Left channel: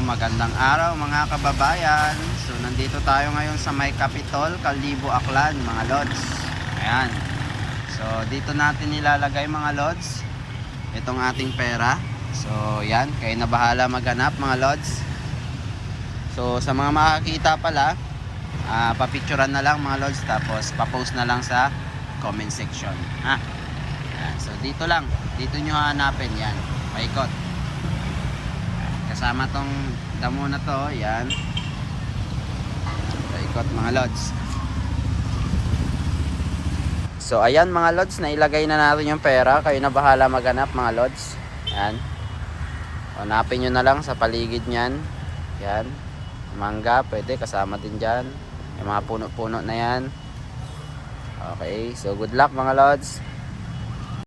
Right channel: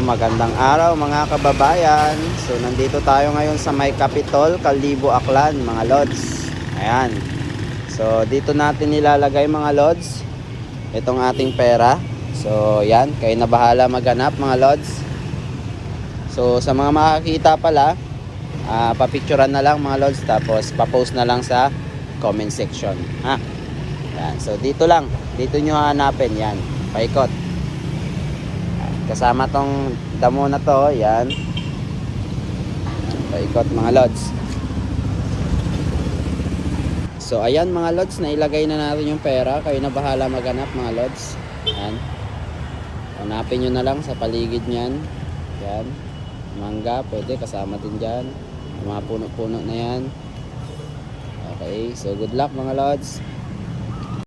Magandang araw mga kababayan. So nandito tayo ngayon sa may Capitol, Kalibo, Aklan mga lods. Ayan. So dito natin nilalagay mga lods itong ating pera. So yan, kayo na bahala maghanap mga lods. So sa mga makakita pala, papicturean na lang mga lods, tapos papost na lang sa comment section ha. Yan. So dito lang, dito nyo hanapin yan, paikot. Kasama tong damo na to, yan. Paikot mga lods. So ayan mga lods, nailagay na natin yung pera. Kayo na bahala maghanap mga lods. Yan. Hanapin nyo na lang sa paligid nyan. Yan. Mangga, pwede kasama din dyan. Yung mga puno-puno na yan. Okay, so good luck mga lods.